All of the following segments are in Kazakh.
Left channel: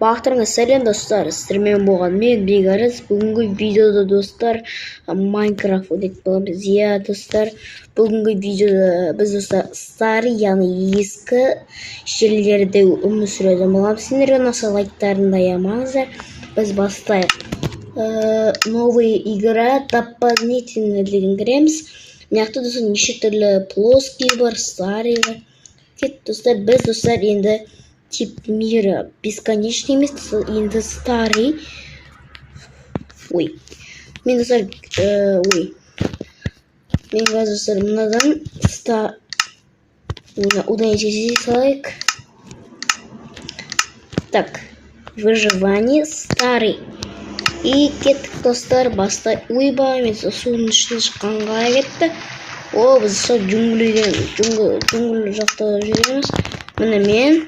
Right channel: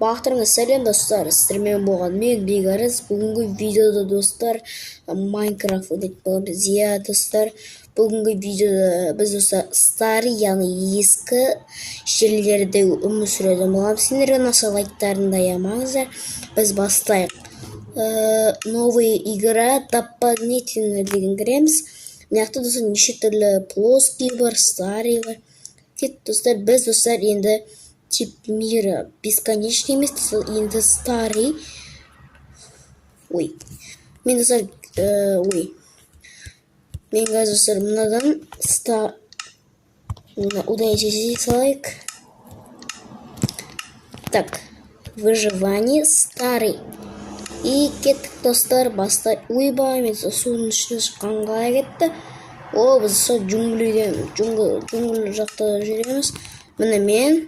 Бақтырыңыз сәлем достар, сіздермен болған мен Бекарыс. Бүгінгі видеода достар Майнкрафт өтетін боламыз. Иә достар, бүгінгі видеода біз достар старый, яғни ескі жерлерде өмір сүретін боламыз. Сендерге ұнаса лайктарын аямаңыздар. Біз бастайық. Новая игра дополнительно деген кіреміз. Мынақты достар неше түрлі плоский бар, старый бар. Достар, біз достар енді тип мира бесконечный емес, енді старый. Ой, мен достар, мен қазір достар мынадан удалить салайық. Так, выживание старый. И кеттік достар, бастай. Ойбай, мен судың ішінен шыққанға кетті. О, біз сол джунгл жақта жүреміз. Міне мен.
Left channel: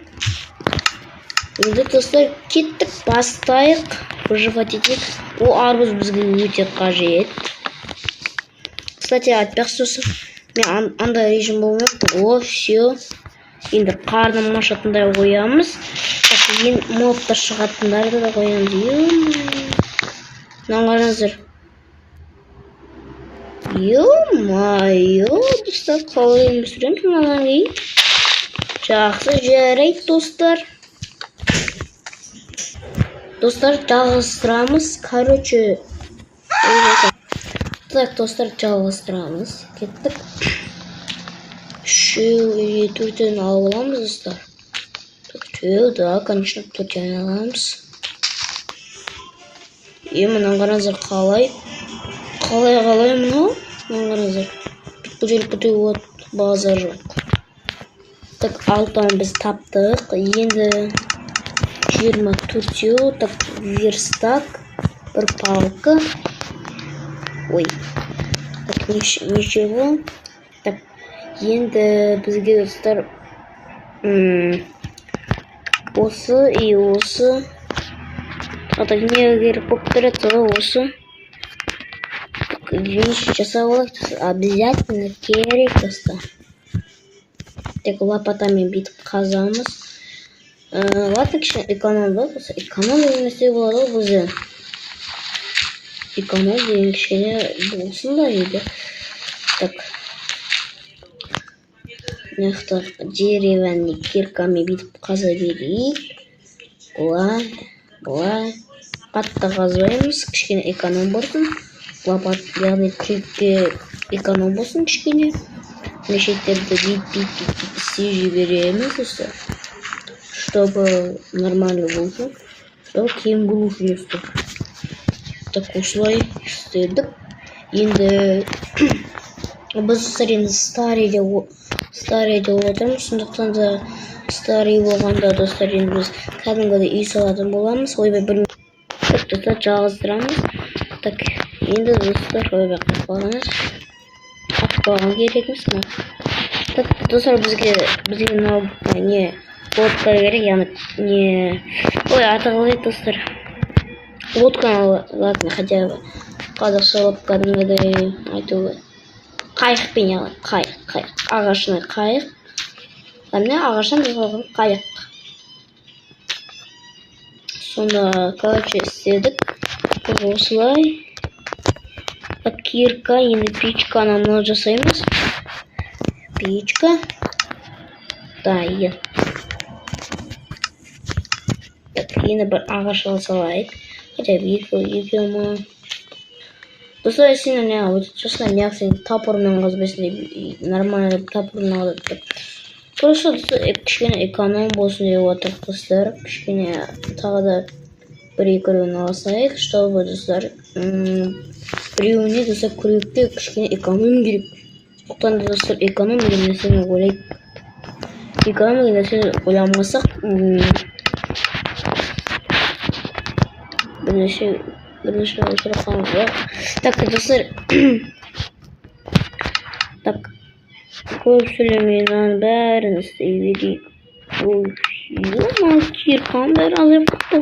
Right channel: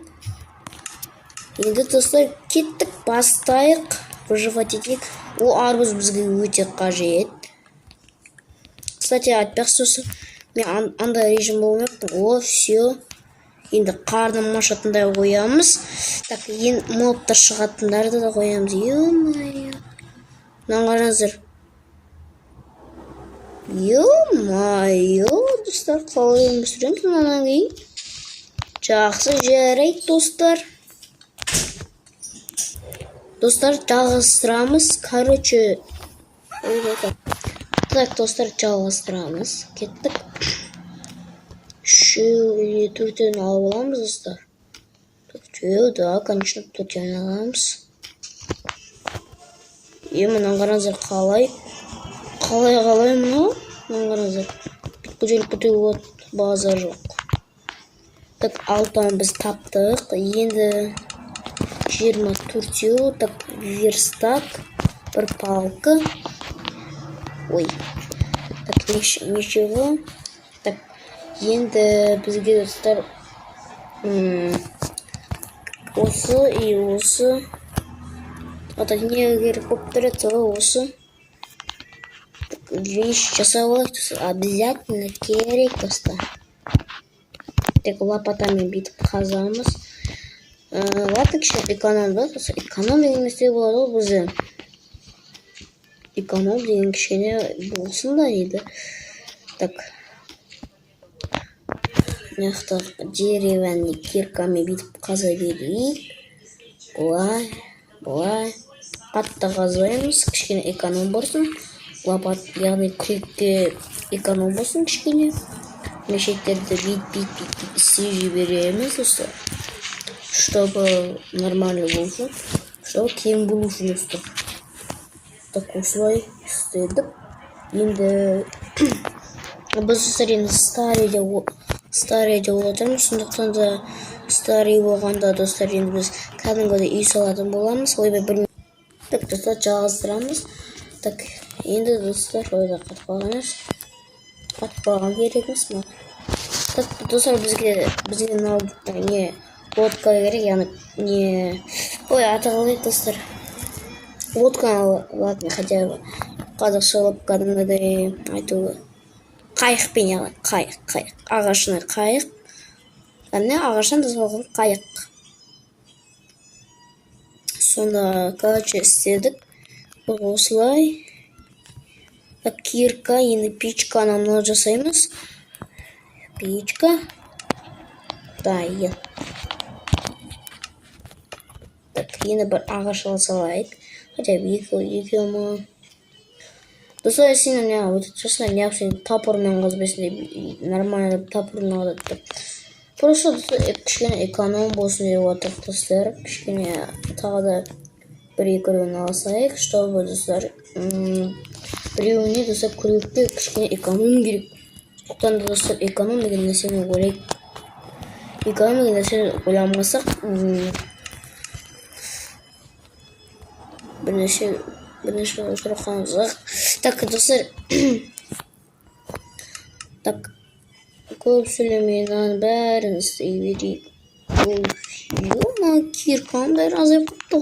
Енді достар кеттік, бастайық. Выживать етейік. О, арбуз бізге өте қажет. Кстати, айтпақшы, мен андай режим болмайды. О, все. Енді қарным ашатындай қоямыз. Ең мобтар шығатындарды да қоямыз. Наңғарыңыздар. Ё-майо, достар, қалай өмір сүреміз одан кейін. Жақсы жарайды достар. Достар, жалғастырамыз. Короче, так, достар, жалғастырамыз. Кеттік. 3-4 аламыз, достар. Да, конечно, төртен аламыз. Мынаны қараңыздар, қалай мынау? Мынаны қараңыздар. Бүйтіп база жоқ. Так, 6-ан біз таптық. Енді 24-еу, так, верстак, бір палка. Ой, так, ничего. Так, енді бізге достар осы и осы. Так, не керек болып тұрады, осы. Вещь жасап алайық, обязательно керек достар. Так, лопатамен бүйтіп қазамыз. Ладно, кішкене эконом да, эконом деген нәрсе болады ғой бізде. Эконом деген кішкене болсын да еді. Так, мықты деревянный киркамен бүйтіп қаза берейік. Былай қатты қазбаймыз, кішкене эконом болсын. Лопат, яғни крюкке эконом болсын кішкене. Мешеттерді бит істей жібереміз достар, чтобы нормально болсын, чтобы кейін болу үшін достар. Так, осылай істедік. Енді біз достар енді старый деп отырмыз, сондықтан да старый болғанда достар енді біз кәдімгідей үй салатын боламыз. Ойбай, бір достар жалғастырамыз. Так, енді достар ойбай қалғаныз атқалған керекміз ма? Так, достар, бізге не лодка керек, яғни не... Ой, атығылай достар. Лодка, ладно, хотя бы қазақша лодка кәдімгідей айтуы. Қайықпен яғни, қайық. Ағашына қайық. Әне ағашынан жасалған қайық. Сонда, короче, істедік. Осылай. Кирка, енді печканы мынау жасаймыз. Печка. Да, енді. Так, енді бір ағаш алсалайық. Хотя бы екі ма. Достар, сені не өтіп жасына неғып тапырмен қазбесін нормально тапырмен алады. Просто кішкене эконом болсын деп отыр достар. Кішкене тағы да бір-екеуін алсайық, чтобы достар біреуіне достар күрекке кішкене эконом керек. Оқтан да достар эконом деген нәрсені ойлайық. Эконом деген нәрсені ойламасақ бірнеше қаламыз. Так, достар, так, көп сөйлемейін бәрін істей берейік. Киркам бәрі азай бұқты.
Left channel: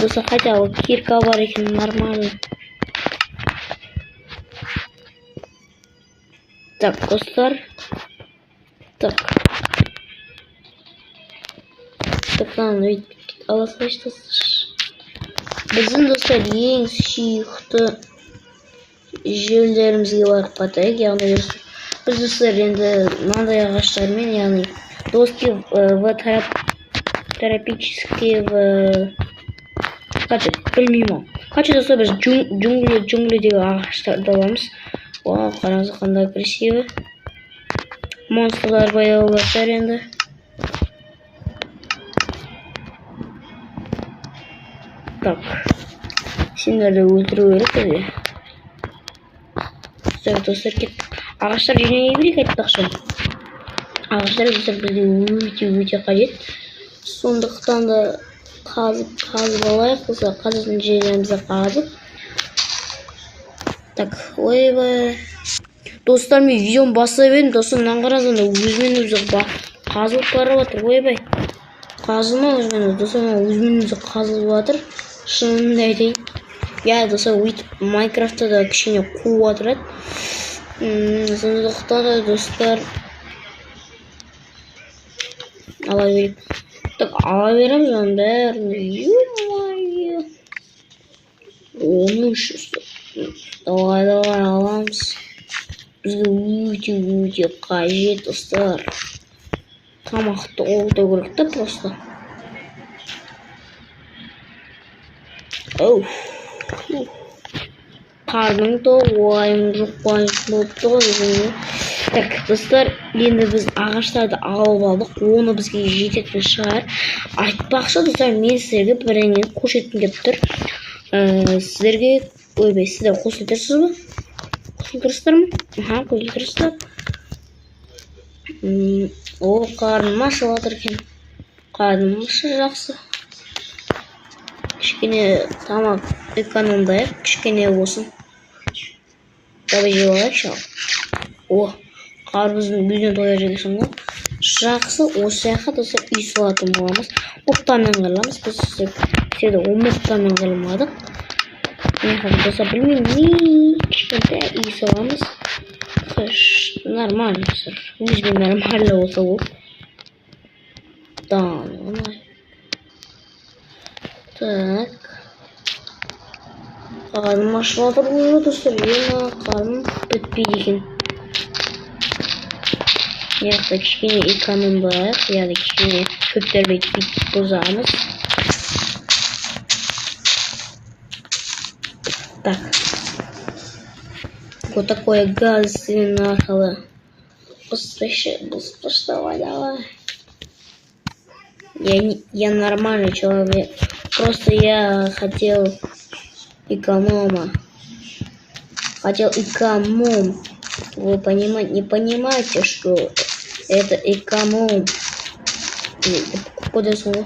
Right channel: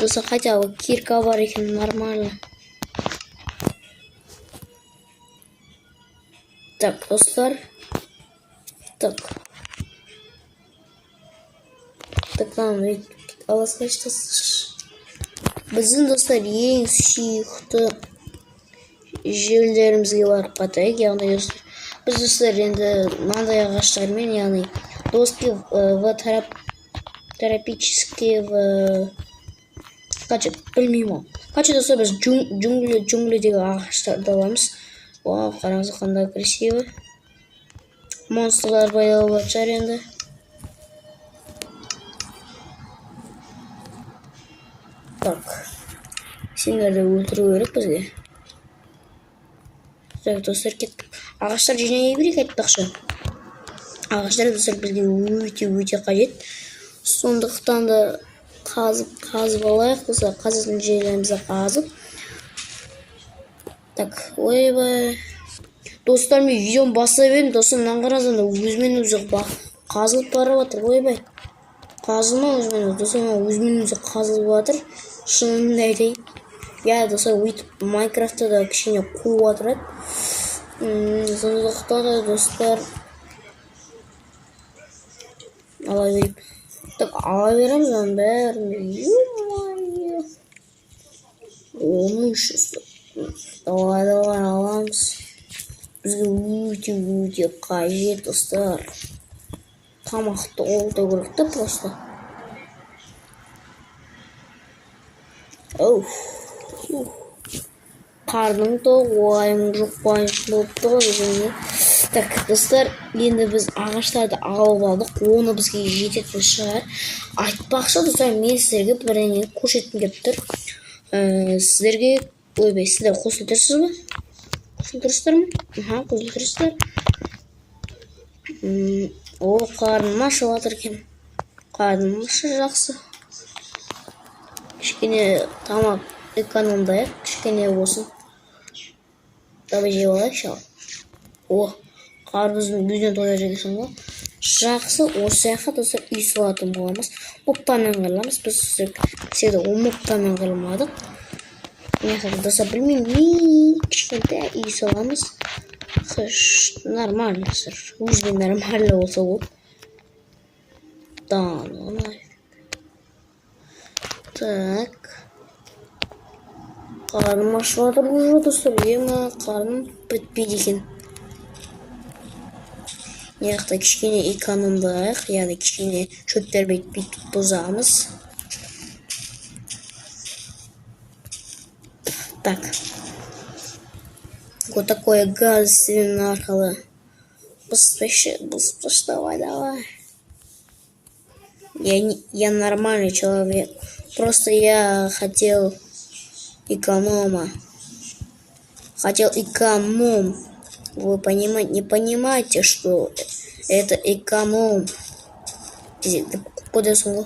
Достар, хотя бы кирка бар екен, нормально. Так, достар. Так. Ютубтан аласташтырсыз. Біздің достар ең сүйікті жерлерімізге барып қатайық. Яғни біз достар енді мынандай ағаштармен, яғни доски в тропические білмеймін. Короче, достар біз джунглидегі ағаштарды аламыз. Вау, қараңыз қандай красиво. Монстрлар баяу жатыр енді. Так, сендерді өлтіру керек бізге. Так, достар кеттік. Ағаштар жинай берейік айтпақшы. Ағаштар достар бізге өте қажет. Сондықтан да қазып алайық. Достар қазатын жерлерімізді қазып. Так, ойбай. Достар, мен видеоны бастай бердім. Достар, мынаны қараңыз, өзімен өзі қазылып барып жатыр. Ойбай. Қазылма өзімен өзі. Достар, өзімен өзі қазылып жатыр. Шынында айтайын. Я, достар, өйтіп Майнкрафтта да кішкене қуып жатыр. Сондықтан да достар ала берейік. Так, ала береміз оның бәрін. Оның үшісі. Давай аламыз. Бізге өте қажет, достар. Тамақты олды көрік та просто. Қарның да уайым жоқ болып тұр. Так, достар, енді біз ағаштарды алып алдық. Оны бізге жететін шығар. Айтпақшы, достар, мен сіздерге бірінен көрсеткім келіп тұр. Сіздерге, ойбай, сіздер қосылтырсыз ба? Қосылтырсыздар ма? Қосылтырсыздар. О, қарным ашып жатыр екен. Қарным ашы жақсы. Кішкене тамақ экономдайық, кішкене болсын. Давай жеп алайықшы. О, қарбыздың бүйден тоя жегесің ғой. Жақсы, осы жаққа достар үй салатын боламыз. Оқтамен қырыламыз. Біз сізді оқтамен қырылмадық. Мен қырым достар білмеймін. Кішкентай үй саламыз. Нормально достар. Өзге нормально болса бұл. Так. Қарным ашып жатыр бұл достар. Қарным бітпейді екен. Яқты кішкене экономдайық. Яғни кішкене шөптерді бүйтіп бұзамыз. Так. Вот такое гадость арқылы. Быстро, давай. Я нормальный человек. Просто я хотел эконома. Вы не понимаете, что это эконом. Куда слово?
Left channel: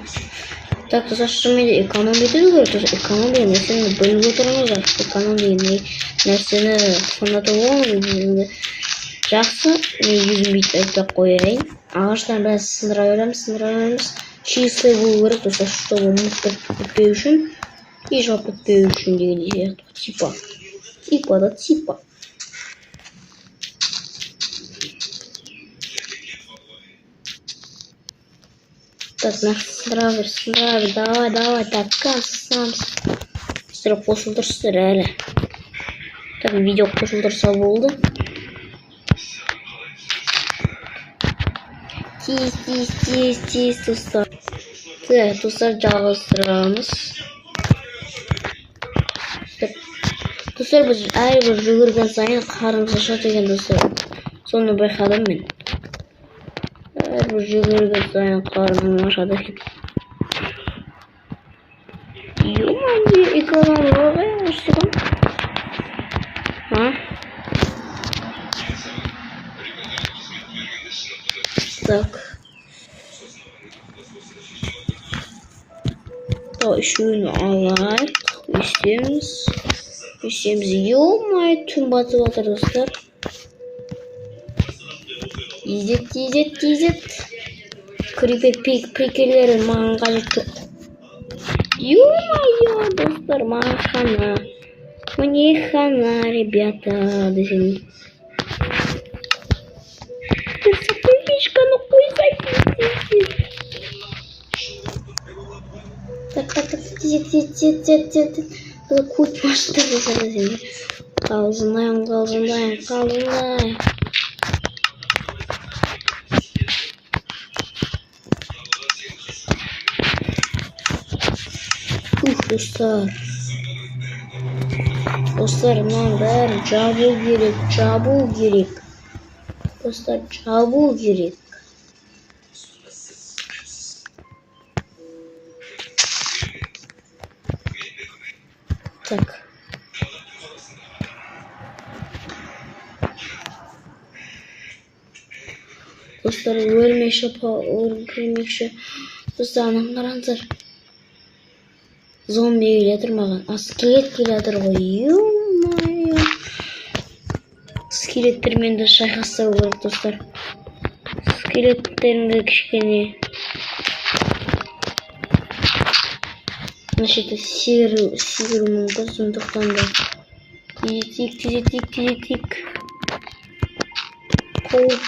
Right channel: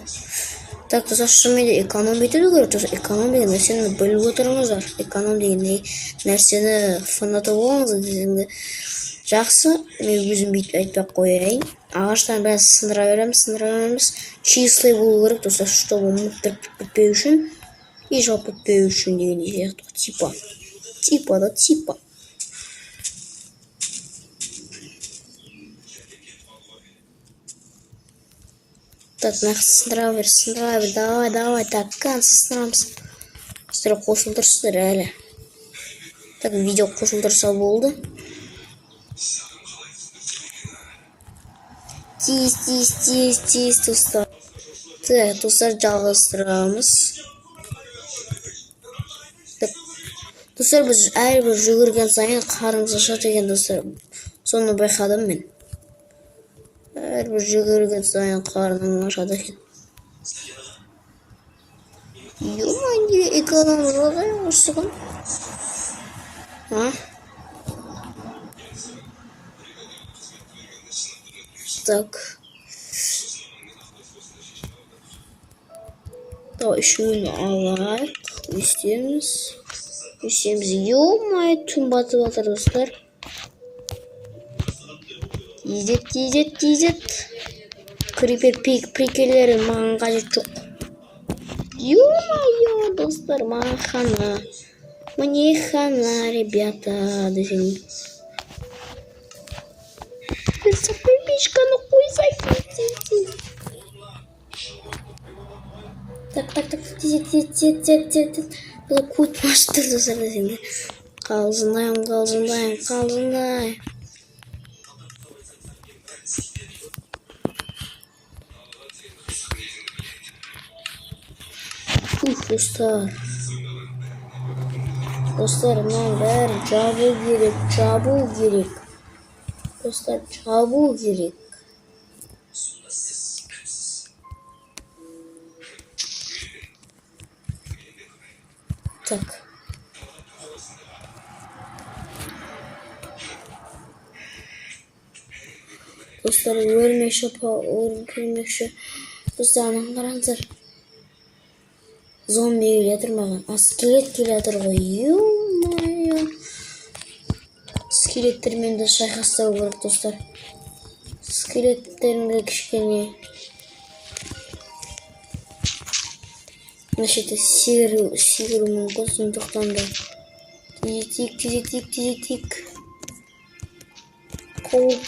Так, за что мне экономить? Экономия на сцене был вытормозар. Экономия на сцене фанатового. Жақсы, мен өзім бүйтіп қояйын. Ағаштан бәрін сындыра береміз. Числый болу керек, достар, чтобы мұттық күтпеу үшін. И жоқ күтпеу үшін дегенде типа. Типа. Так, сындыра бер. Давай. Так, қансызсынамыз. Сіздер қосылдырсыздар әлі. Так, видео қосылдырса болды. Тиіс, достар. Так, достар, жалғастырамыз. Достар, біз әрбір жүгірген сайын қарымыз ашады екен, достар. Соны байқадым мен. Әрбір жүгірген сайын қарымыз ашады екен. Экономия өшсін. Так. Şunu alayım. Üstümüz. Yo-my, tüm batı dostlar. İzzet. Creeper prikillerin mangacı çok. Yo-my, dostlar, махана. Мне хана, ребята. Персопыльничка, ну хуй зайти. Kurt başladı seni. Kalzındayım. Dostlar aman ver çabuk gerek. Dostlar çabuk gerek. Tak. Dostlar ölmekşi. Dostlar anamlar zombi geledir mаған. Skelet geledir ғой. Skeletтермен de шайқастау керек достар. Скелеттерімді кішкене. Значит, сигір мүмкін сондықтан да. Тезетик. Қауып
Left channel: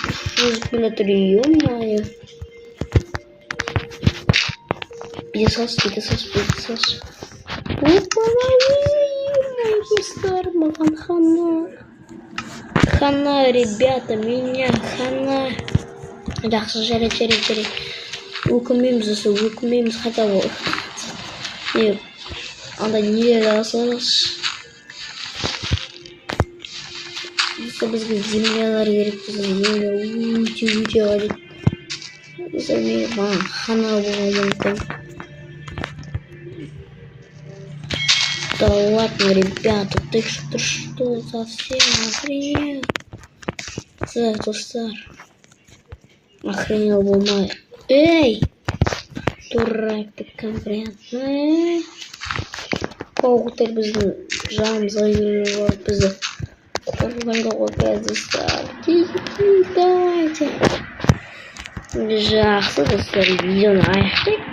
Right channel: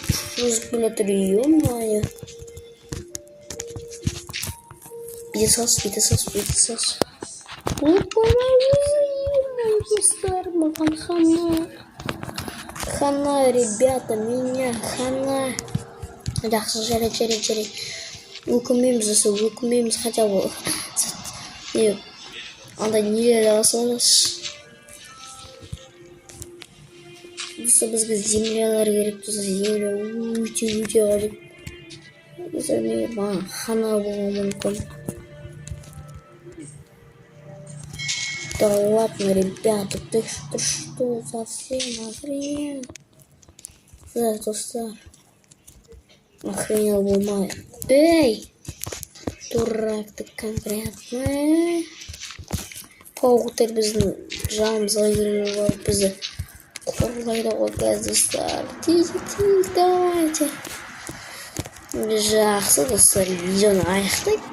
өзіп келетір. Ё-майо. Пятисос. Достар, маған хана, ребята, меня хана. Жақсы, жарайды. Өкімеміз хотя бы. Анда не алсаңыз. Бізге землялар керек. Земля өте алып. Маған хана болуы мүмкін. Да ладно, ребята, ты что совсем охренел? Да, достар. Охренел болмай. Эй! Дурак ты конкретно. Қауықтар біздің жанымызға үйреніп бізді қорғайлауға достар. Тез, давайте. Жақсы достар, видеоны аяқтайық.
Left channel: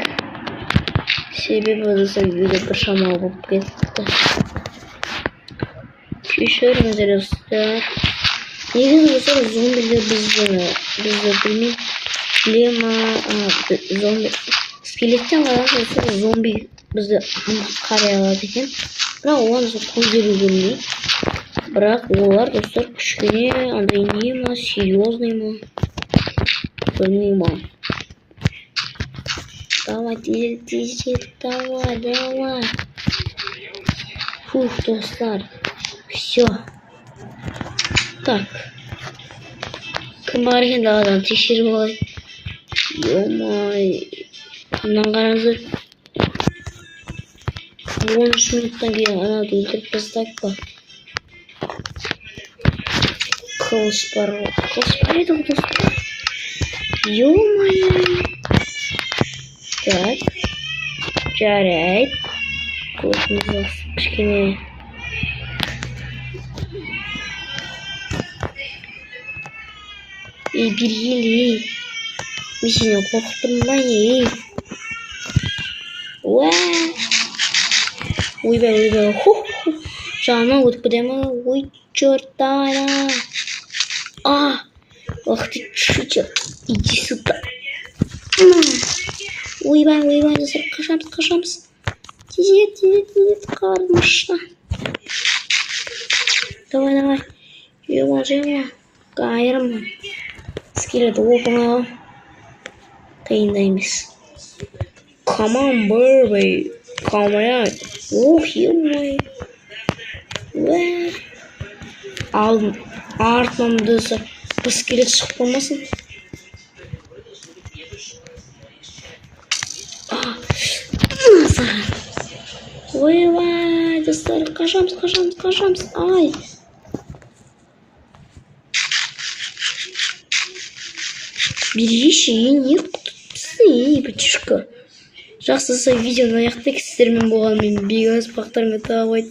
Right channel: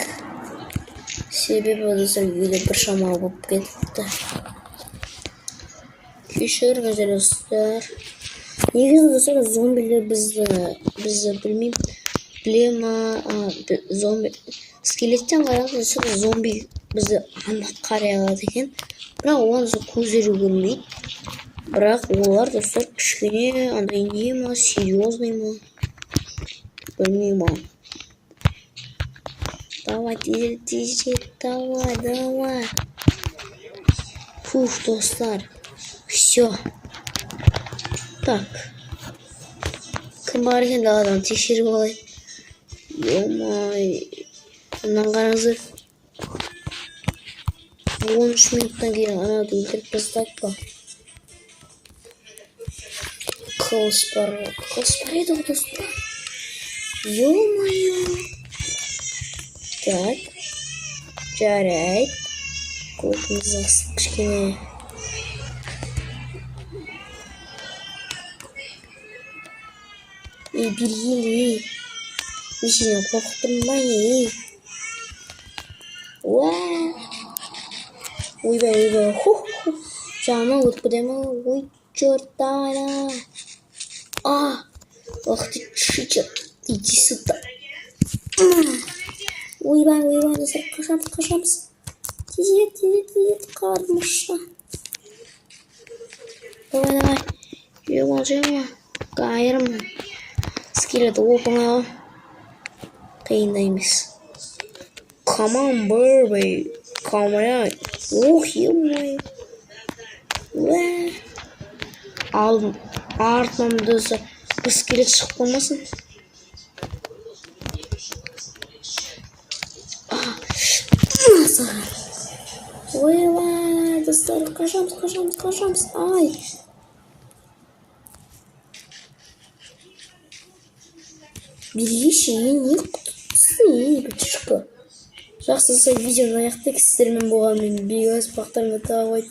Себебі достар видео бір шамалы болып кетті. Кешіріңіздер достар. Негізі достар зомбилер бізді зомби скелеттен қарағанда достар зомби бізді қарай алады екен. Бірақ олар көздері көрмейді. Бірақ олар достар кішкене андай не ма, серьезный ма? Білмеймін. Давай, давай. Фух, достар. Все. Так. Кім бар екен даладан тексеріп алайын. Ё-май. Мынаны қараңыздар. 13 минуттан кейін ананы өлтіріп тастайық па. Қылыш бар ғой. Қылыш бар еді ғой достар. Ё-май. Так. Жарайды. Көтімізді кішкене. Бергелей. Мен сені қорқыттырмай. Ойбай. Жағынан өтіп кетемін. Ой, черт, давай. Ах ты, чучел. Иди сюда. Ойбай, достар, қашамыз. Тезет, қармышна. Давай. Жема. Қайырым. Скелет оп-оңай. Қиында емес. Come on, baby. Come on. Ё-май. Алдым. Артынан достар. Бір скелет шығып болмасын. Ойбай, достар, қашамыз. Ай. Береші, не құттысы, бәтішкі. Жақсы видеоны аяқтайық. Сіздермен болған мен Бегас бақтарыңа тағып